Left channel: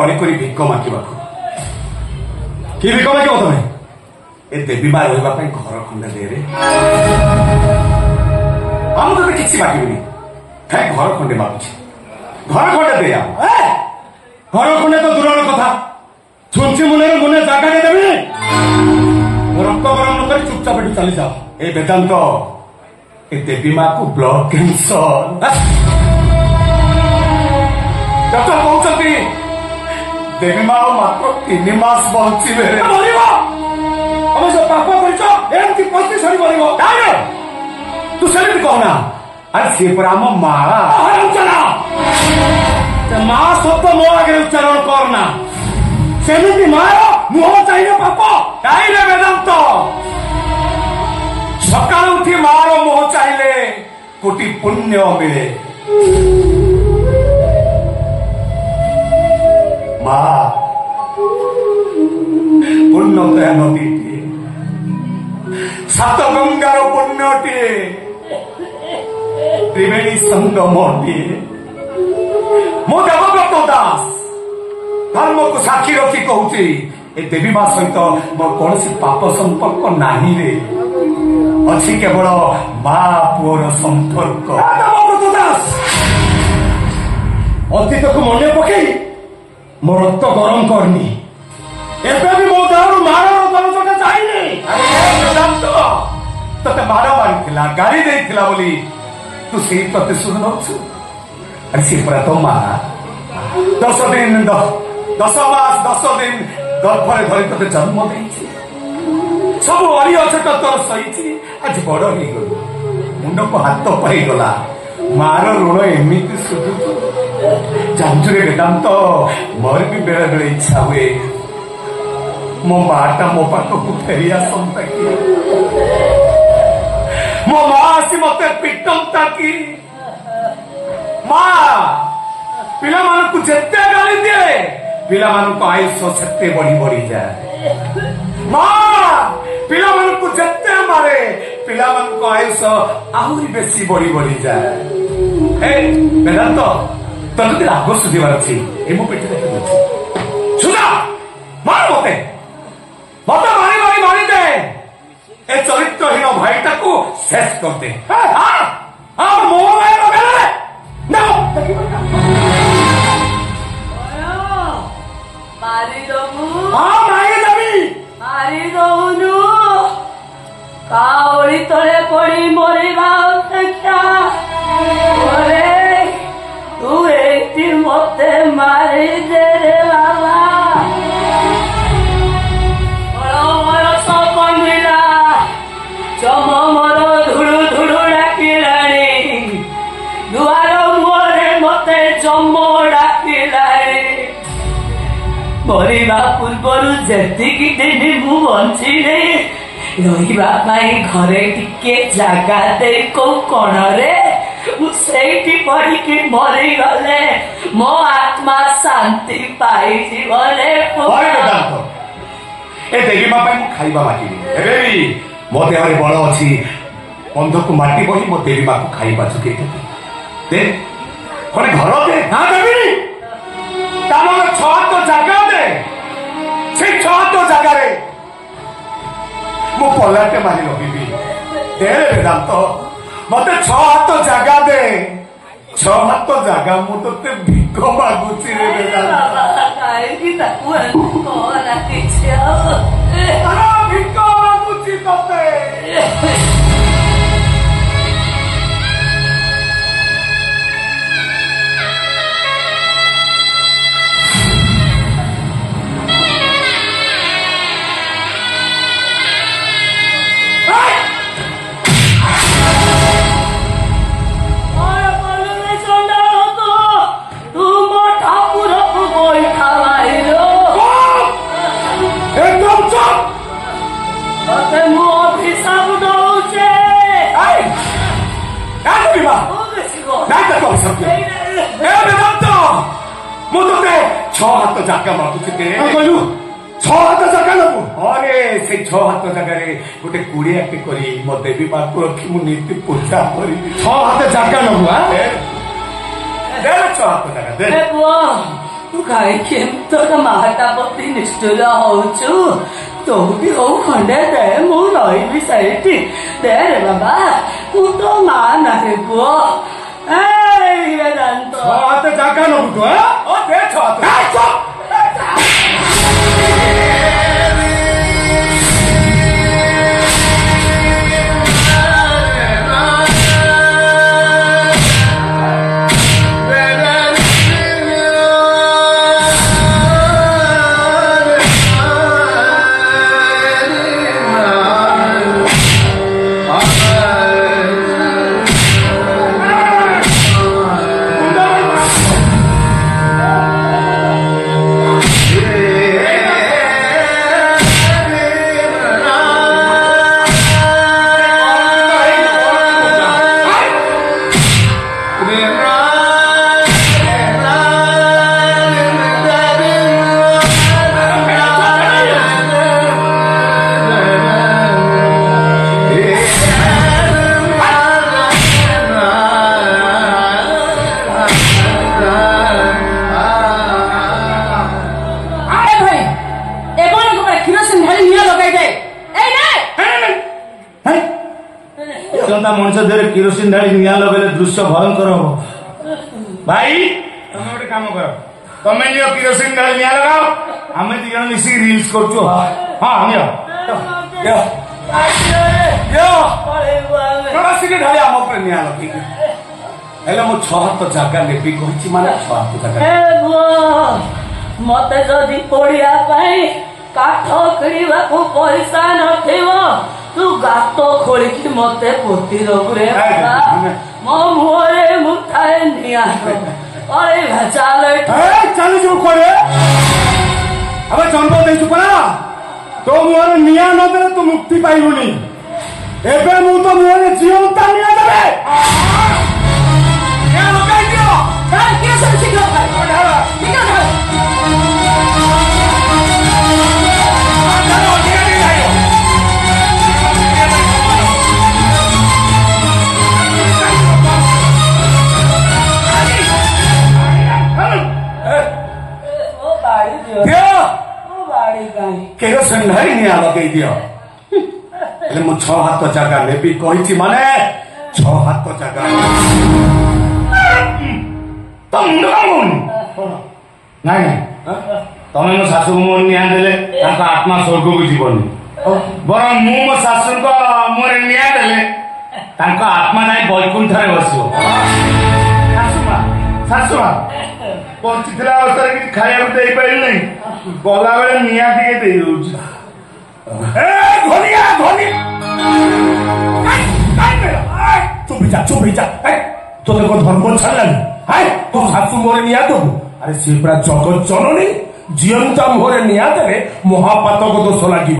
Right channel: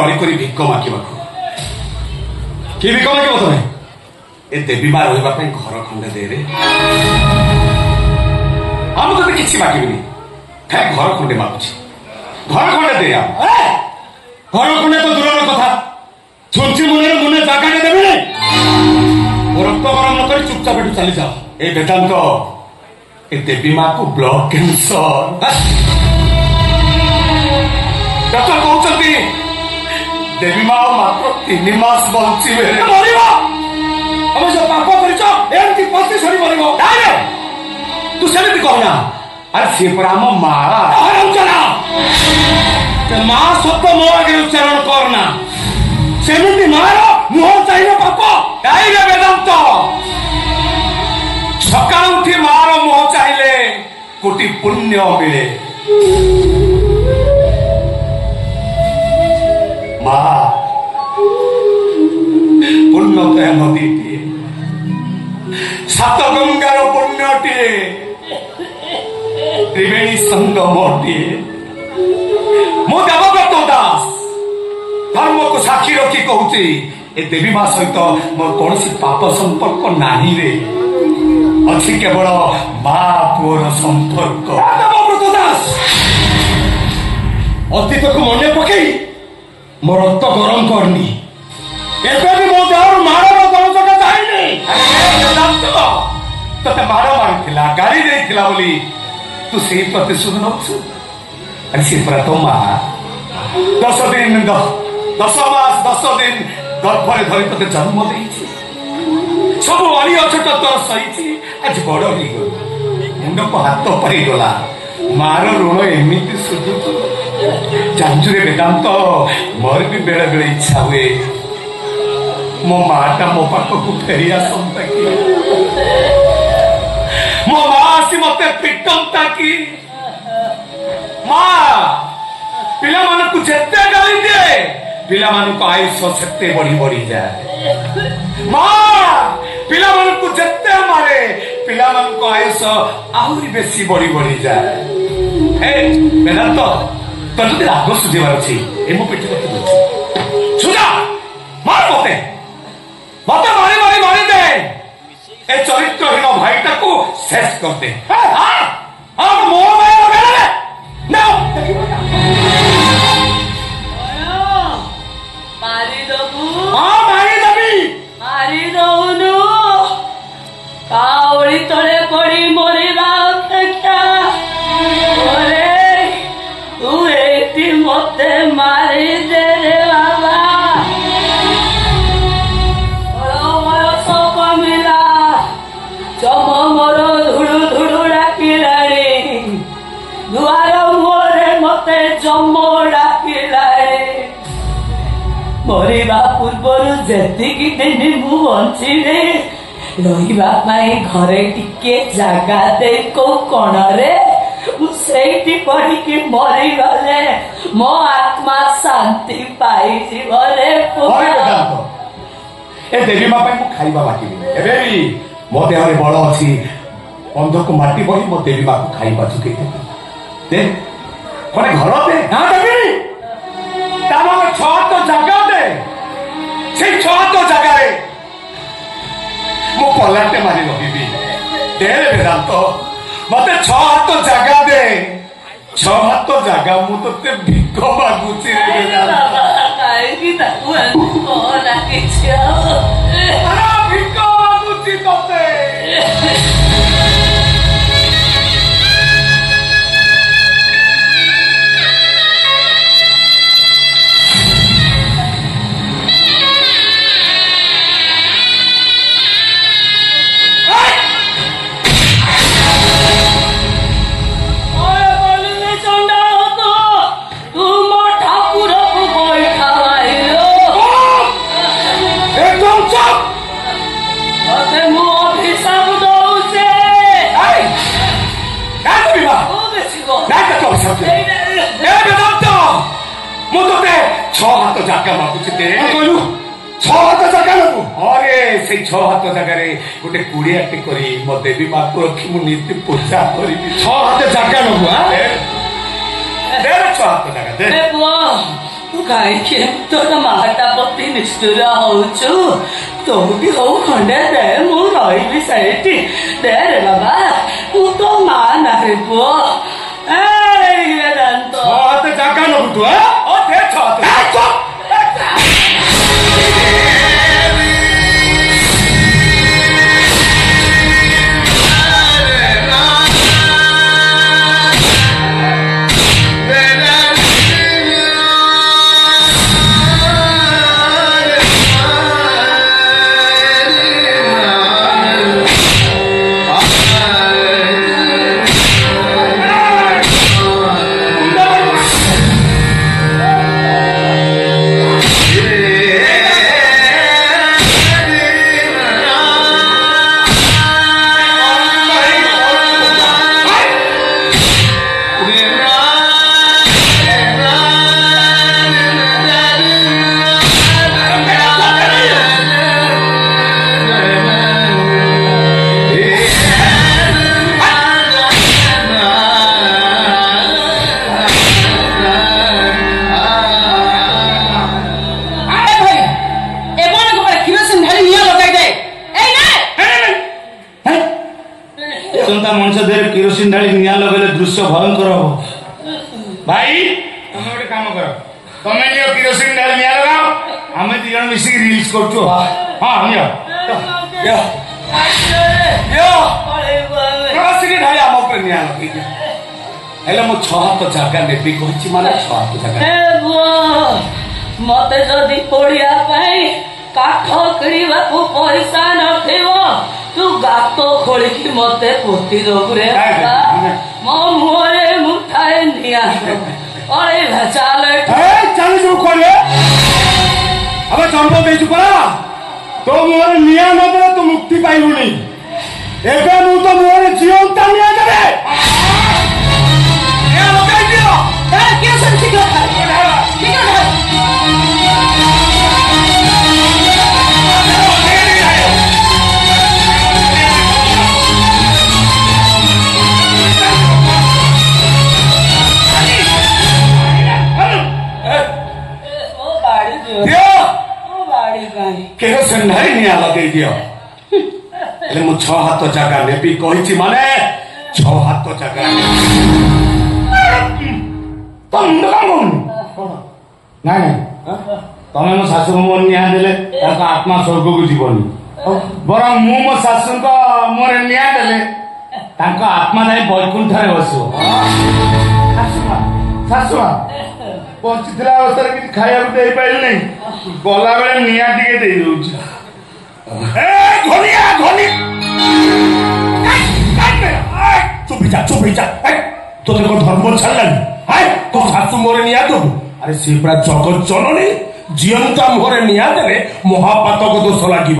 अड़िक भिक मागिबाकू कि भिक मागिब तुम्हें ए देवी माँ रही घर खंडे दे रे हम तो किसी मागिबिनी घर खंडे मागुची घर खंडे दे घर खंडे तो दूर कथा छुंची मुने मुने जगह देवी रक्त गरम न कर चुपचाप एटू चली जाओ ए वेदांत ए देवी माँ को ब्लड कैंसर डॉक्टर कहते देवी माँ मात्र 3 मास बचे हम जो पाप कर पति सरी मर तू से कहना अरे सी पर आम माँ शब्द मो आगे उच्चारण करना सेमती मार मुह चाहिए पाप कहीं वेदांत सका उठी मार मुह चाहिए कोटि पुण्य मिले माँ पुण्य नदी सात गंगार पुण्यटे त्रिवेणी संगमटे मो देवव्रत दास धर्म को साक्षी रखी कहूची ए देवी माँ सहित मोर कौन पाप संपर्क नहीं रे अच्छी केवल माँ पुअर संपर्क देवव्रत दास अतीत को मन पकई मो रक्त गरम करनी एबे भी मो देहर मारर दंशक जाइनी तोते मार मारिथिला गाड़ी देइथिला बोली तू से प्रतिशोध नौछु अरे से पर तो मां 10 दिन 10 मास 10 दिन गर्भरे धरि तोते जन्म देइछि सब वाली अछट तोर सहिछि आज बड़ ही गयो मुंड को हाथ पाई गला मार ऋण एमिति सुझु जानजुरे वेदांत मोर भी बेले बेले इच्छा हुए मो माटा मो पाखकू फेरी आसंता कि मो माँ आसी मते पिटंता कि माँ पिला मानकू जेते गाली दिए पिला मानकू आयुष सेते बढ़ी बढ़ी जाए माँ पिला मानकू जेते मारे पिला मानकू आयुष आहुरी बेसी बढ़ी बढ़ी जाए ए वेदांत तने राग सुझेबार अछि ए मो पेटी मते सुना मार मते मते मारी दे ए चरित्रहीन भाईटा को शेष कर दे मोर मारी दबू मारी दऊनु पावड़ी तले पड़ी मरिबा अपेक्षा तू एक मते मारी दे रे बाबा चम मोर धुड़ु धुड़ु डाकिलाणी दुआर मुहरे मते चम डाकिलाणी मरिबा पूर्वरु जेतिकी दिन मु बंचिले रहिबा पाई घरे टिके जागा दे को कोणरे मुसेठी पड़िकी मरी गले मो आत्मा शांति पाई जीवरे ए देवी माँ पे मु खाइबा बाकी एबे मो देहरे बल अच्छी अंध को माटी बही मो देवी माँ को खाइबा चुके दे कोने घर दे हां देवी तानो 6 तो जगह दे से 6 तो जगह रे मो पलाटे मारी रहिबी दे वेदांत मते 6 हाथ जगह दे 6 हाथ जगह मु तते भिक मागुची रे वेदांत काहे की ताकू कोना किछो अरे भिक मागुची तते जगह मागुचे कहलु 6 हाथ जगह नबु अरे से 6 हाथ जगह रे गोटे कुड़िया टे करी मो देवी माँ को रखी मु नीति पूजा करी 6 हाथ जगह नबु दे 6 हाथ जगह दे बुआ କାହିଁକି ତୋର ମାହାଟା ପ୍ରତି ନିଷ୍ଠୁର ହଉଛୁ? ତୋଠି ହଉ ଖଣ୍ଡେ ଦେ, ମୁଁ ରହିବି ସେଇଠି। ଦେ ରେ ବାବା, ମୁଁ ତୋ ମା ନାରେ ପୁଅ। ଛଅ ଜାଗା ନବୁ ତୁ ଦେ ଛଅ मनुष्य देह किरोसिन ढाली निआ लगे दृश्य भयंकर हम भाई तुम गोटे काम कर तुम नियो किरोसिन ढाली निआ लगाओ आम दी जन मिसिक रील्स करछु हां नियो किरोसिन ढाली आम पर निआ लगे हेले मो 6 हाथ जागा नेबी कहिछि माने 6 हाथ जागा ए बुआ मते जदी पड़िया पई काठ किणवा को पैसा नथिवो तू गातो खोलिकी मते पोती दबुरे मो मुहरे मुठाए निया अरे भचाले चल जो करे अब चंपो देछु परा तो मुहरे निया न दे तू मुक्ति पाइबुनी एबे मु तो मुहरे जीवंत निया देबे निया लगाई दियो के सब ठीक है केरोसिन ढाली निया लगे दियो हेले मु 6 हाथ जागा नेबी कहिछि माने 6 हाथ जागा तुम नमुन नहीं तमे मो सासु मो निया देले ताका आत्मा स्वर्ग को जीवनी बरं मु मो सासु को मोरे निया देले ताका आत्मा जाई बैकुंठ रे बसो सासु पहुंचीला अवस्था कि खाया दे पाइल नहीं गला बेले निया टिके दे दउछि ए धनिया धनी चुप जा तो धर्म छाड़लानी है तो सासु मोरे निया देबू अरे सी पूरा जगत जननी जीवंत मोहरे निया देले महापातक दोष लगे।